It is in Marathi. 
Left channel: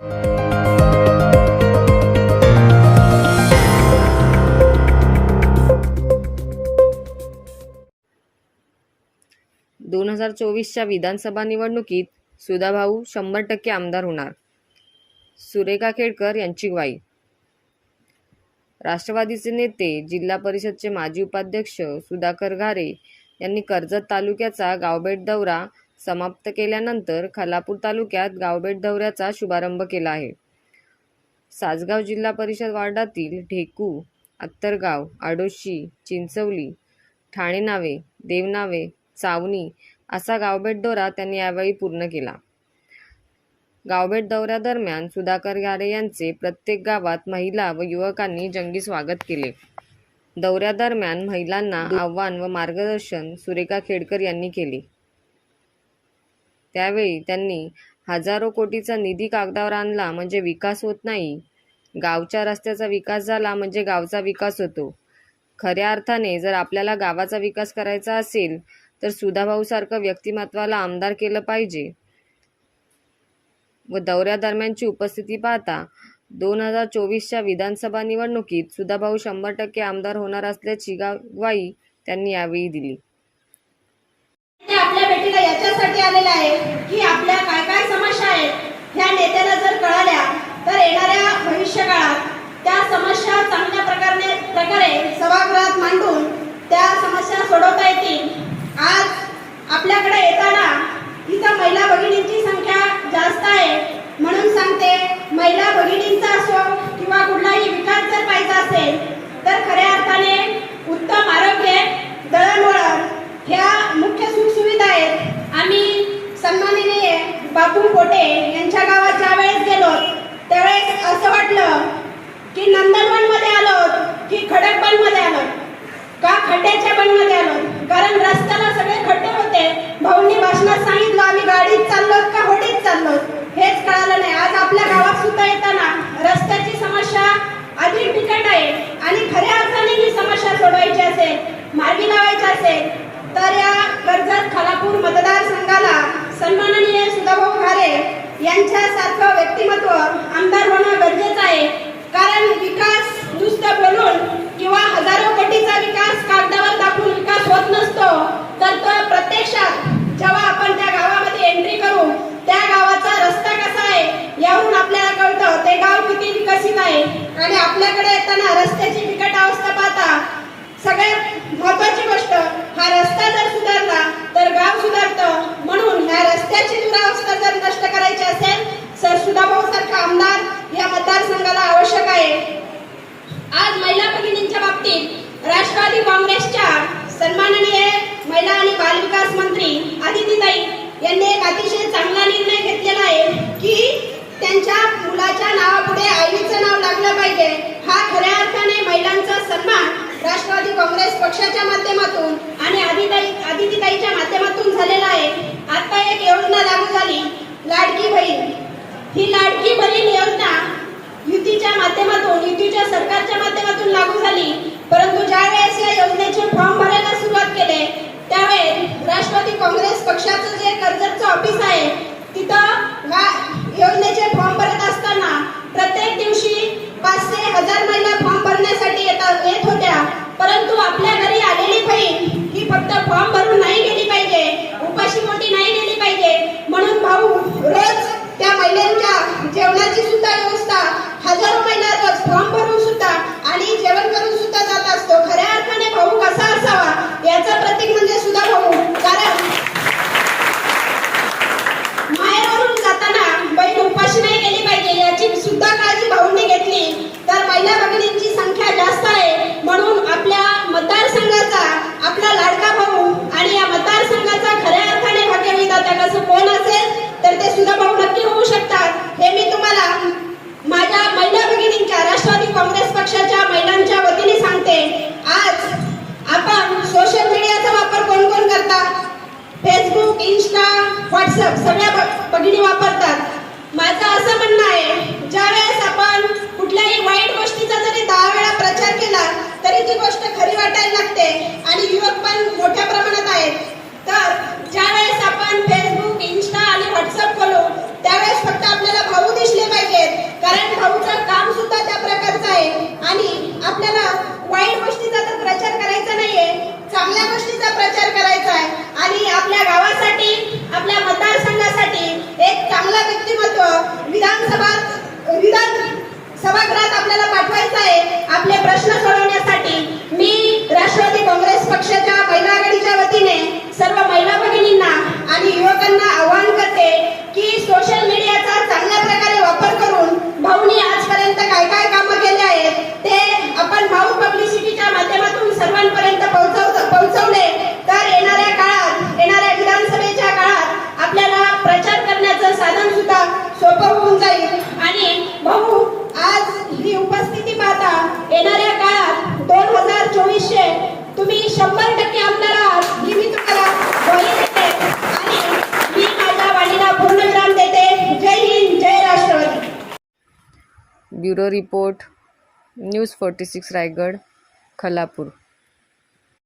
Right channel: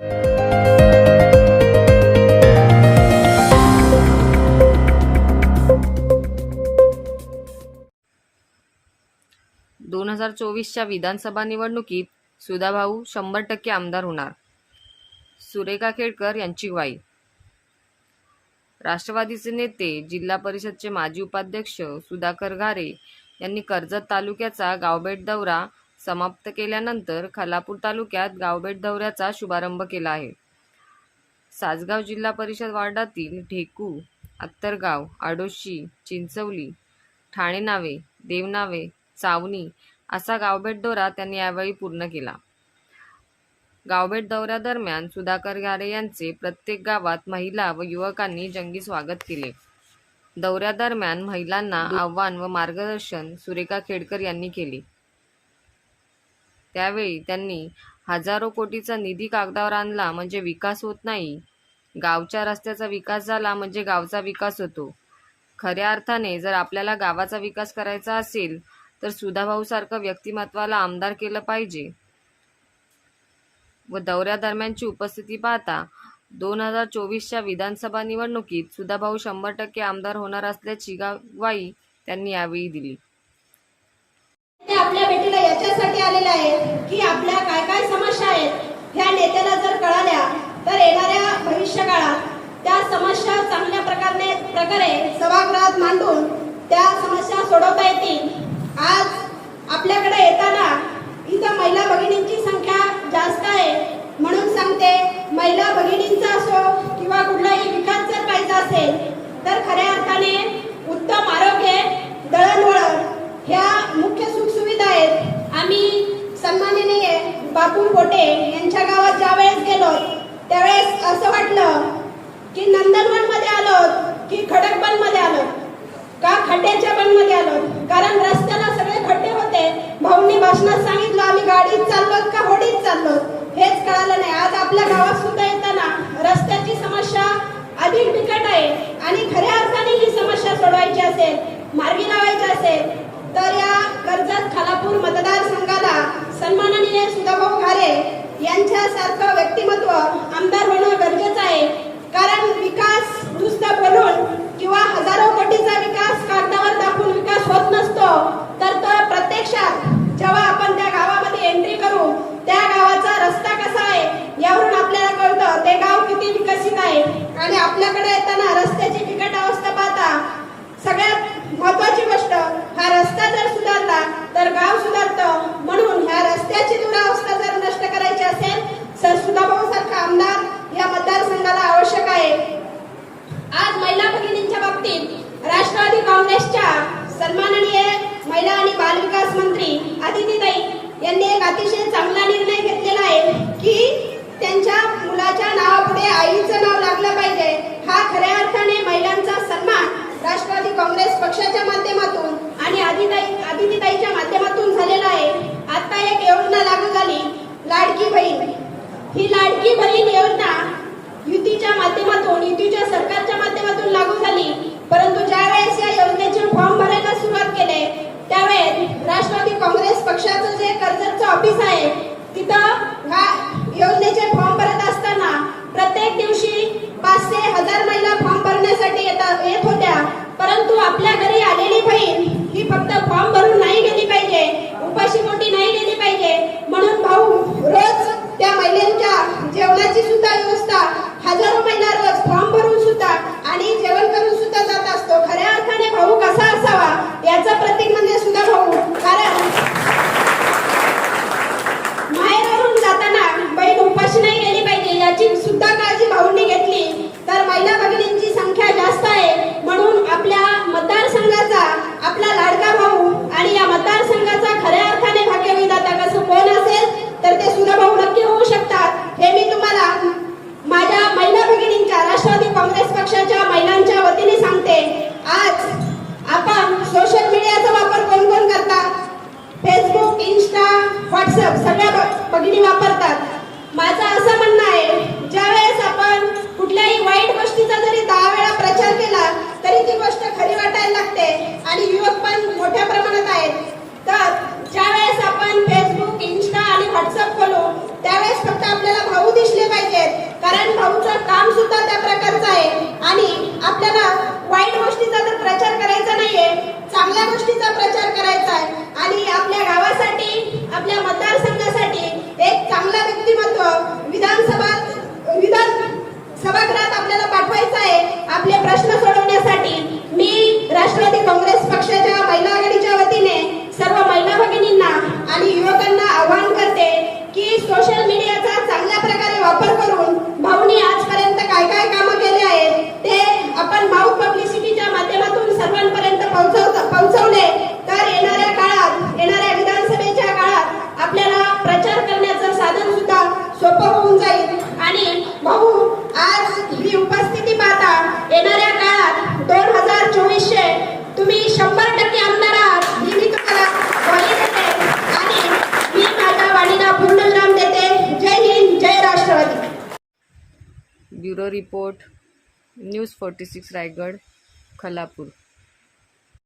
दोन हजार चोवीसच्या विधानसभा निवडणुकीत सुधाभाऊ शंभर टक्के आमदार होणार. सुरेखा खेडकर यांची ग्वाही. राष्ट्रवादीचे नेते जिल्हा परिषदचे माजी उपाध्यक्ष सुधाकर घारे यांनी कर्जत तालुक्याचा गावभेट दौरा समाप्त केल्यानंतर खालापूर तालुक्यात गावबेट दौऱ्याचा शुभारंभ केला आहे. सासगाव जिल्हा परिषद वार्डातील ढेकू आत्तरगाव आडोशी चिंचवली ठाणे नावे देवनावे चावणी असा गावभेट दौरा त्यांनी यावेळी पूर्ण केला. गावभेट दौऱ्यादरम्यान सुधाकर गारे यांचे प्रत्येक गावात महिला व युवकांनी जंगी स्वागत केले. दौऱ्यादरम्यान महिलांना आव्हान व मार्गदर्शन सुरेखा खेडकर यांनी केले. त्यावेळी त्यांनी हजारो कोटीचा निधी कागदावर आणला म्हणजे विकास होत नाही. गावच्या रस्त्याचा विकास झाला म्हणजे गावचा विकास होतो. खऱ्या अर्थाने जर आपल्याला गावाचा विकास करायचा असेल तर सुधाभाऊसारखं व्यक्तिमत्वाला आमदार केलं पाहिजे. व दौऱ्यादरम्यानची उपस्थिती पाहता दोन हजार चोवीसच्या विधानसभा निवडणुकीत सुधाभाऊ शंभर टक्के आमदार होणार असल्याची गावाई ग्वाही त्यांनी यावेळी दिली. ते याच्यासाठी आलेले आहे की आपल्या काय काय समस्या आहेत ह्या नेत्याला जर कळाल्या तर येणाऱ्या भविष्य काळात त्या समस्या चांगल्या प्रकारे प्रकारे सभागृहात मांडून त्या समस्या सोडवता येतील. आज आपल्याकडे येताना इथं महिला भगिनींची संख्या जास्त आहे. म्हणून सांगते महिला भगिनींचा असो किंवा कुठलाही विकास जर पाहिजे असेल तर खऱ्या अर्थाने उत्तम आरोग्य दळणवळण ह्या मुख्य सुखसुविधा आहेत आम्ही सन्माननीय बापू पोटे यांच्या गावात ज्या वेळेस गेलो त्यावेळेस असं वाटलं की नंदनवनमध्ये आलो की खडकबनमध्ये आलो का खड्ड्याच्या बनमध्ये आलो. कारण रस्त्याला सगळे खड्डे होते. भाऊंनी भाषणात सांगितलं आम्ही गाडीत चाललो का होडीत चाललो? हेच कळालं नाही. आज आपल्या गावात सुद्धा येताना रस्त्याची समस्या अधिक बिकट आहे. आणि खऱ्या अर्थाने ही समस्या सोडवायची असेल मार्गी लावायची असेल तर या कर्जत खालापूर मतदारसंघ सन्माननीय सुधाभाऊ घारे यांच्यासारखं व्यक्तिमत्व आमदार होणं गरजेचं आहे. कारण विकास नुसतं बोलून किंवा हजारो कोटीचा विकास कागदावर दाखवून विकास होत नसतो तर तो प्रत्यक्षात जेव्हा आपण त्या गावामध्ये एंट्री करू त्या गावाचा रस्ता कसा आहे यावरून आपल्याला कळतं ते गाव किती विकसित आहे. आणि आपल्याकडे येताना रस्त्याची बिकट अवस्था पाहता सगळ्यात महत्वाची गोष्ट हा रस्ता जर सुधारला तर गाव सुधारतं म्हणून ह्या रस्त्याची दुरावस्था जर नष्ट करायची असेल तर सुधाभाऊ सारखा आमदार या मतदारसंघाला आवश्यक आहे आज महिला भगिनींच्या राष्ट्रवादी काँग्रेसच्या सन्माननीय महिला आणि बालविकास मंत्री आदितीताई यांनी एक अतिशय चांगला निर्णय घेतलेला आहे की त्यांच्या मुलाच्या नावापुढे आईचं नाव लागलं पाहिजे. हा खऱ्या अर्थाने महिलांचा सन्मान राष्ट्रवादी काँग्रेस पक्षाच्या माध्यमातून आणि आदिताई आदितीताईच्या माध्यमातून झालेला आहे. आता एक योजना लागू झाली. लाडकी बहीण. ही लाडकी बहीण योजना युतीच्या माध्यमातून युतीच्या सरकारच्या माध्यमातून लागू झाली. परंतु ज्यावेळेस या योजनेचे फॉर्म भरायला सुरुवात केले त्यावेळेस राष्ट्रवादी काँग्रेस पक्षाचं जे कर्जतचं ऑफिस आहे तिथं ह्या योजनेचे फॉर्म भरत असताना प्रत्येक दिवशी पाचशे हजार महिला फॉर्म भरण्यासाठी येतात येत होत्या परंतु आपल्या घरी आलेली बहीण ही फक्त फॉर्म भरून नाही गेली पाहिजे उपाशी पोटी नाही गेली पाहिजे म्हणून भाऊ रोज त्या महिलांच्या जेवणाची सुद्धा व्यवस्था हजारो महिला रोज फॉर्म भरून सुद्धा आणि जेवण करून सुद्धा जात असतो खऱ्या अर्थाने भाऊ कसा असावा याचं प्रतीक म्हणजे सुद्धा भाऊ कारण माहेरवरून जाताना बहीण उपाशी नाही गेली पाहिजे याची सुद्धा काळजी तर महिला भगिनींची संख्या जास्त आहे. म्हणून आपल्या मतदारसंघाचा आपला लाडका भाऊ आणि या मतदारसंघाचा खऱ्या अर्थाने भाग्यविधाता कसं कोण असेल तर ते सुद्धा भाऊ नक्की होऊ शकतात. हे मी तुम्हाला माझ्या महिला भगिनींच्या राष्ट्रवादी काँग्रेस पक्षाच्या महिलांच्या वतीने सांगते. आज आपण सोशल मीडियाचा वापर कोण कोण करतात? फेसबुक इंस्टा व्हॉट्सअप सगळ्या भगिनी वापरतात. आणि भाऊ आज ही उपस्थिती पाहता येणाऱ्या काळात दोन हजार चोवीसशे तुम्ही शंभर टक्के आमदार आहात वाणीला पूर्णविराम देते. जय जय Rashtrawadi. Bureau report news forty six Raigad Khalapur